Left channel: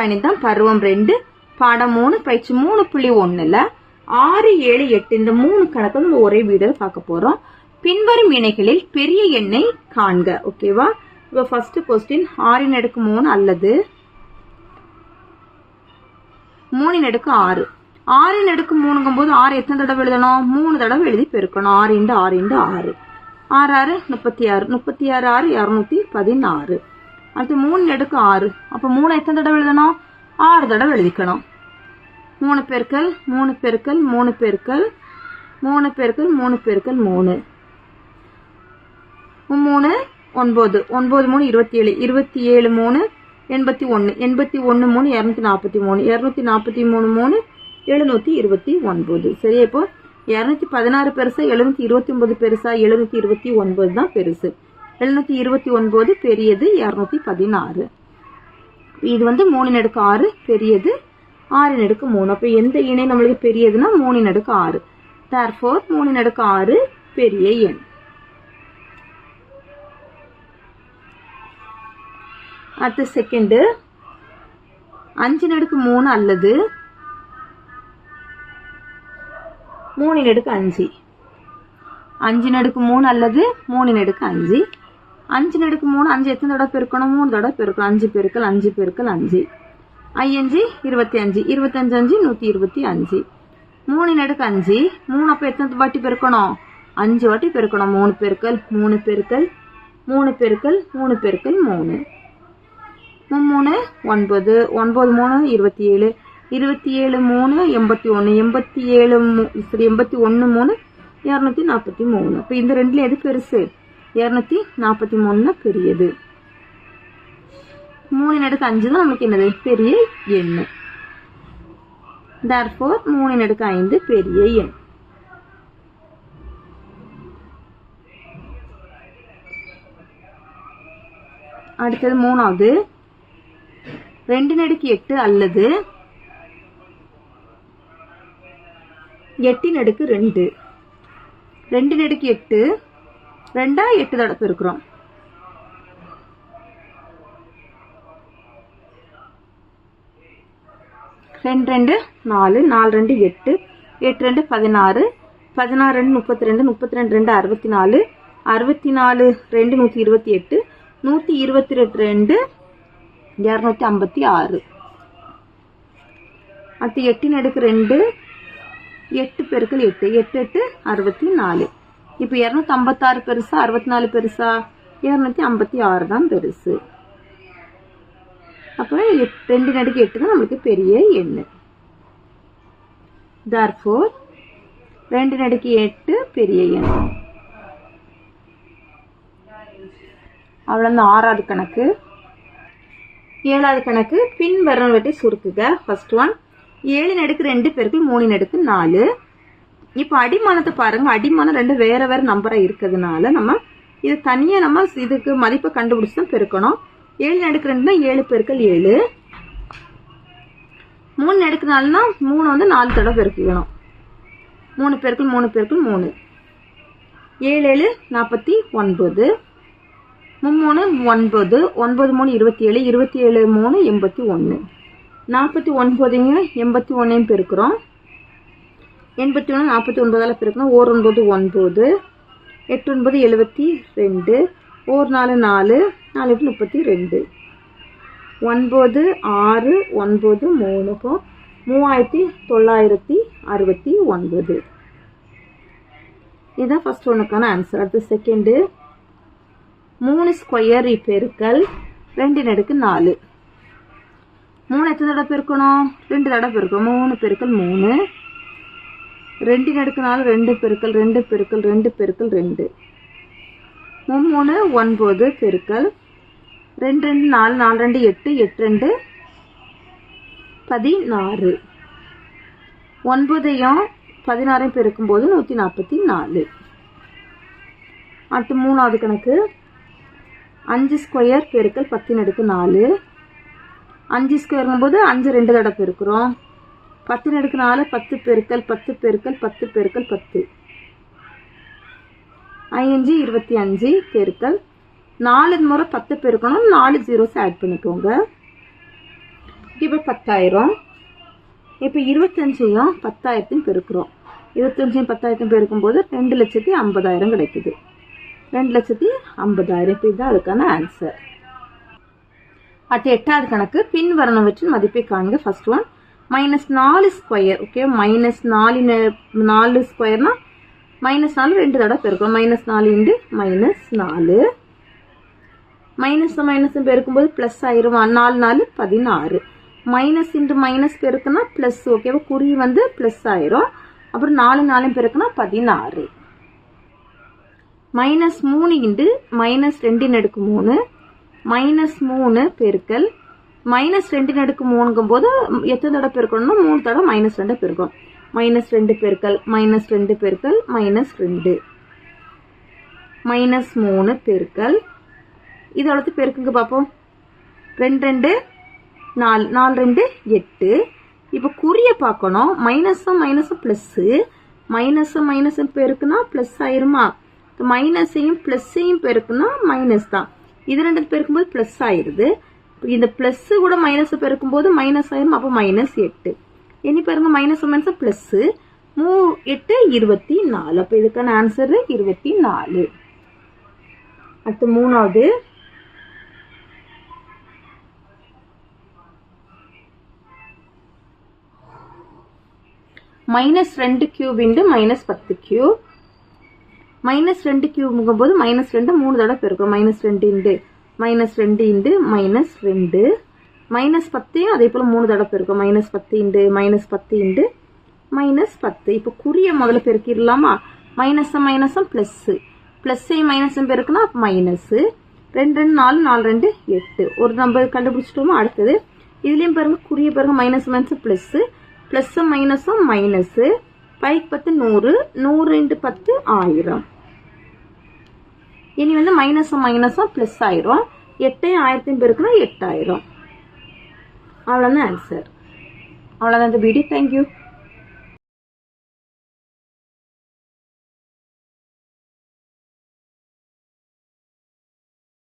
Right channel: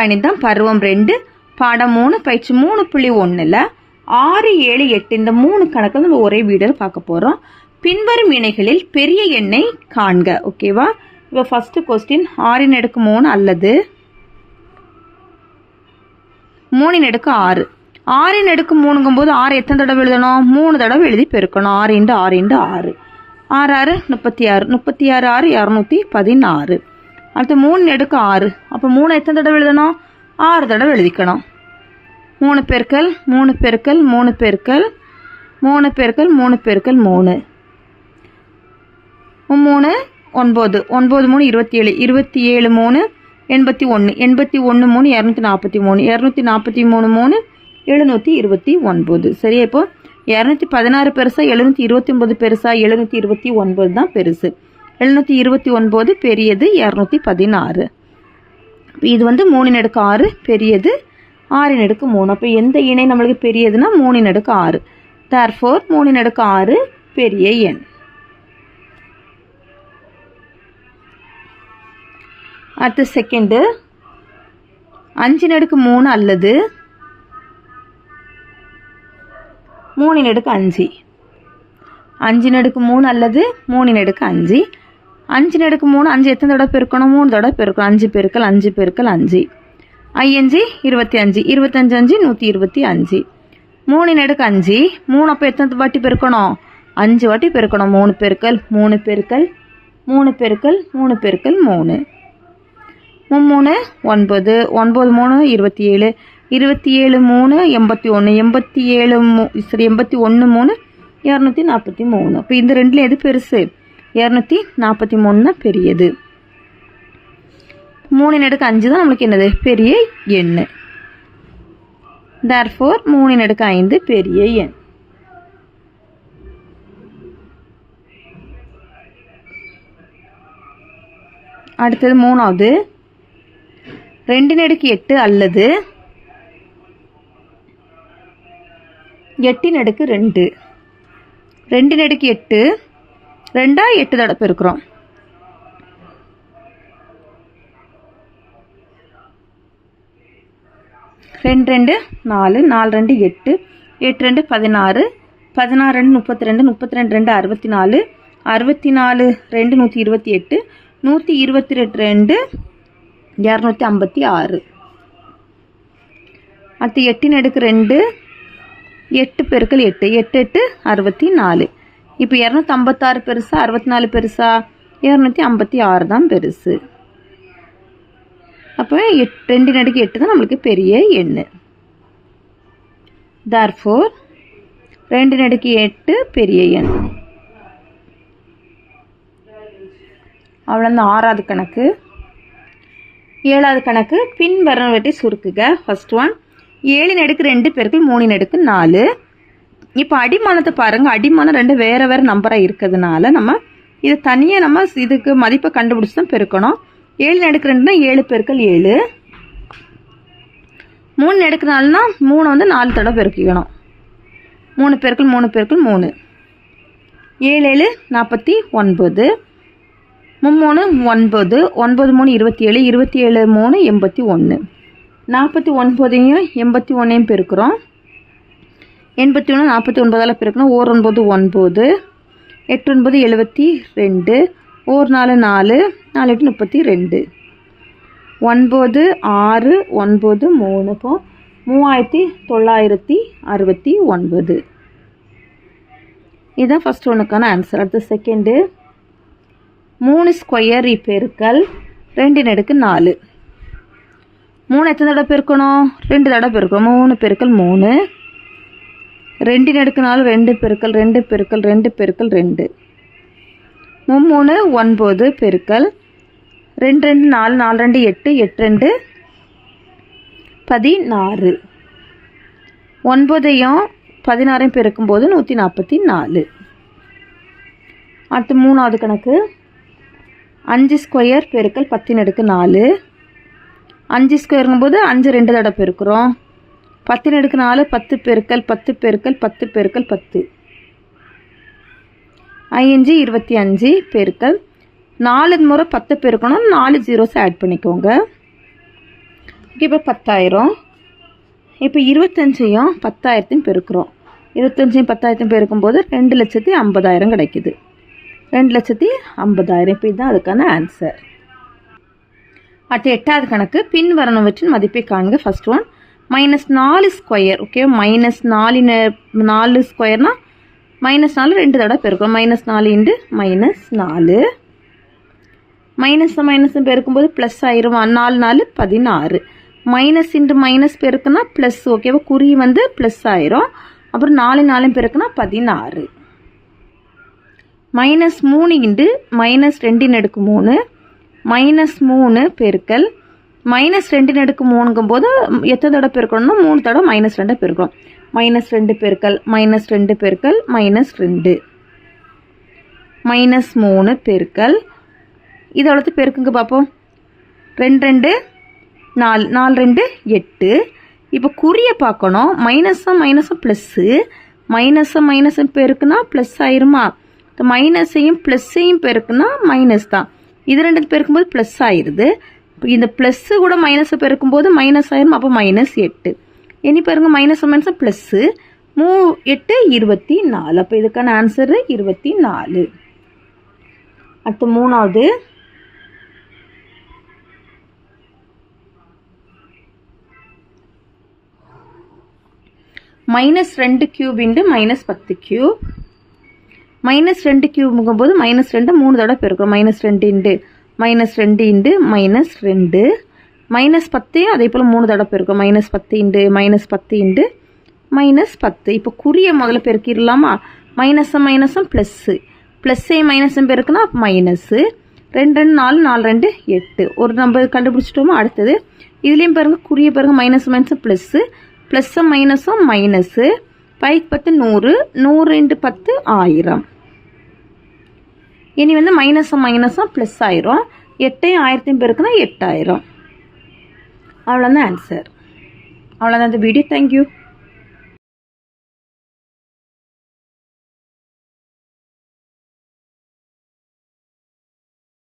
கணிதம் பருவம் 2 பாடம் 3 பயிற்சி 3.1ல் 6, 7, 8 இந்த 3 கணக்கு நம்ம ஒரே வீடியோவில் பார்க்க போகிறோம். பின்வரும் இணைகளில் பெரிய எண்ணை காண்க. ஓகேவா? இப்போ ஃபர்ஸ்ட் கொஸ்டின் 6 அடுக்கு 3 அல்லது 3 அடுக்கு 6. 6 அடுக்கு 3ங்கும்போது 6 எத்தனை தடவை எழுதணும்? 3 தடவை எழுதி பெருக்கணும். 6 × 6 × 6 6 36 36 6 216. அடுத்து 3 அடுக்கு 6. அப்போ 3 எத்தனை தடவை எழுதணும்? 6 தடவை எழுதிக்கணும். 3 பெருக்கல் 3 பெருக்கல் 3 பெருக்கல் 3 பெருக்கல் 3 பெருக்கல் 3 3 9 9 3 27 27 3 81 81 3 243 243 3 729. சரியா? இப்போ 216 பெருசா 729 பெருசா? 729 தான் பெருசு. 729 பெரியது, 216. இது வந்து 3 அடுக்கு 6 பெரியது, 6 அடுக்கு 3. அப்போ எந்த இணை நம்மளுக்கு பெரியதுன்னா 3 அடுக்கு 6. therefore 3 அடுக்கு 6 பெரிய எண். அடுத்து செகண்ட் 5 அடுக்கு 3 அல்லது 3 அடுக்கு 5. 5 அடுக்கு 3 அல்லது 3 அடுக்கு 5. 5 அடுக்கு 3 5 எத்தனை தடவை பெருக்கணும்? 3 தடவை பெருக்கணும். 5 பெருக்கல் 5 பெருக்கல் 5 5 25 25 125. 3 அடுக்கு 5 3 அப்போ எத்தனை வாட்டி பெருக்கணும்? 5 வாட்டி பெருக்கணும். 3 பெருக்கல் 3 பெருக்கல் 3 பெருக்கல் 3 பெருக்கல் 3 3 9 9 3 27 27 3 81 81 3 243. அப்போ இந்த ரெண்டுல எது பெருசு? 243 தான் பெரியது. 3 அடுக்கு 5 தான் நம்மளுக்கு என்னது? பெரிய எண். therefore 3 அடுக்கு 5 பெரிய எண். அடுத்தது மூணாவது 2 அடுக்கு 8 அல்லது 8 அடுக்கு 2. 2 அடுக்கு 8 2 8 தடவை பெருக்கிறோம். 2 2 4 4 2 8 8 2 16 16 2 32 32 2 64 64 2 128 122 256. அடுத்து 8 அடுக்கு 2 8 பெருக்கல் 8 8 8 64. இப்போ 256 பெருசா 64 பெருசா? 256 தான் பெருசு. அப்போ 2 அடுக்கு 8 தான் நம்மளுக்கு பெரிய எண். therefore 2 அடுக்கு 8 பெரிய எண். அவ்வளோதான் 6வது கணக்கு. 7வது கணக்கு பின்வருவனவற்றை சுருக்குக. ஃபர்ஸ்ட் ஒன் 7 அடுக்கு 2 பெருக்கல் 3 அடுக்கு 4. இப்போ அடிமானத்தை பாருங்க. அடிமானம் 2 வேற வேற நம்பராக இருக்கிறதுனால நம்ம இது தனியாக நம்ம இதுக்கு மதிப்பை கண்டுபிடிச்சி தான் பெருக்கணும். 7 அடுக்கு 2னா 7 பெருக்கல் 7. 3 அடுக்கு 4னா 3 வந்து 4 தடவை பெருக்கிக்கணும். 3 பெருக்கல் 3 பெருக்கல் 3 7 7 49 3 9 9 3 27 27 3 81. 49 81 பெருக்கிறோம். 81 49ஆல் பெருக்கணும். 1 9 9 8 9 72 1 4 4 4 8 32 9 6 9 3. இப்போ 3969. இதுதான் ஃபர்ஸ்ட் ஒன்றுக்கான ஆன்சர். அடுத்து செகண்டு 3 ஸ்கொயர் பெருக்கல் 2 அடுக்கு 4. 3 எத்தனை தடவை பெருக்கணும்? 2 தடவை பெருக்கணும். 3 பெருக்கல் 3 2 அடுக்கு 4 2 பெருக்கல் 2 பெருக்கல் 2 பெருக்கல் 2 3 9 பெருக்கல் 2 2 4 4 2 8 8 2 16. 9ஐயும் 16ஐயும் பெருக்கும்போது 144. அடுத்து மூணாவது கணக்கு 5 ஸ்கொயர் பெருக்கல் 10 அடுக்கு 4. 5 ஸ்கொயருங்கும்போது 5 2 தடவை பெருக்கிறோம். 10 அடுக்கு 4 10 பெருக்கல் 10 பெருக்கல் 10 பெருக்கல் 10 5 25 பெருக்கல் 4 முறை 10 பெருக்கணும். 4 ஜீரோஸ் ஆட் பண்ணிக்கோங்க. இப்போ 10,000. இப்போ 25ஐயும் 10,000 பெருக்கிறோம். 25ஐயும் 10,000 பெருக்கும்போது 2,50,000 கிடைக்குது. 2,50,000. இப்போ இதுதான் அதுக்கான ஆன்சர். அடுத்து 8வது கணக்கு. பின் வரணுவற்றின் மதிப்பை காண்க. First one -4 square. ஓகே, -4 ஸ்கொயர்னா -4 2 தடவை பெருக்கணும். -4 × -4. மைனஸ் மைனஸ் பெருக்கும்போது ப்ளஸ் ஆயிரும். 4 4 16. மைனஸ் இன்ட்டு மைனஸ் பெருக்குனா ப்ளஸ். ஓகேவா, குறி வந்து ப்ளஸ் ஆயிரும். அப்புறம் 4 4 பெருக்குனா 16. -3 × -2 -3 பெருக்கல் -2 போது எத்தனை தடவை பெருக்கணும்னா 3 தடவை -2 பெருக்கணும். -2 பெருக்கல் -2 பெருக்கல் -2 -3 பெருக்கல் இதோட பெருக்குங்க பார்ப்போம். 2 2 4 4 2 8. இப்போ குறியை பார்க்கணும். மைனஸும் ப்ளஸ்ஸு. மைனஸும் பெருக்குனா ப்ளஸ் ஆயிருமா? மைனஸையும் ப்ளஸ்ஸையும் பெருக்குனா மைனஸ் தான். இது 2 பெருக்கும்போது ப்ளஸ் ஆயிடுது. இந்த ப்ளஸ்ஸு கூட மைனஸை பெருக்கும்போது மைனஸ் ஆயிரும். அப்போ -8. இனி பாருங்க, மைனஸ் ப்ளஸ்ஸு 8 24. அப்போ இதுக்கான ஆன்சரு 24. அடுத்து 3வது. -2³ × -10³ -2³ -2 3 தடவை பெருக்கிறோம். -2 × -2 -10 அதே போல் 3 தடவை பெருக்கிறோம். -10 × -10. இப்போ குறிய முதல்ல பெருக்கிடலாமா? மைனஸும் ப்ளஸ்ஸு. ப்ளஸ்ஸையும் மைனஸும் பெருக்குனா மைனஸு. 2 2 4 4 2 8. ஒரு நம்பர் கண்டுபிடிச்சிட்டோமோ. அடுத்தது இதுலேயும் பாருங்கள், குறிய பாருங்கள், மைனஸ் ப்ளஸ்ஸு. ப்ளஸ்ஸும் மைனஸு. 5 10 100. 100 × 10 1000. இனி வந்து மைனஸும் ப்ளஸ் ஆயிரும். 8ஐயும் 1000 பெருக்குனா 8000. அவ்வளோதான் ஆன்சர். அவ்வளோதான் இந்த வீடியோ. தேங்க்யூ.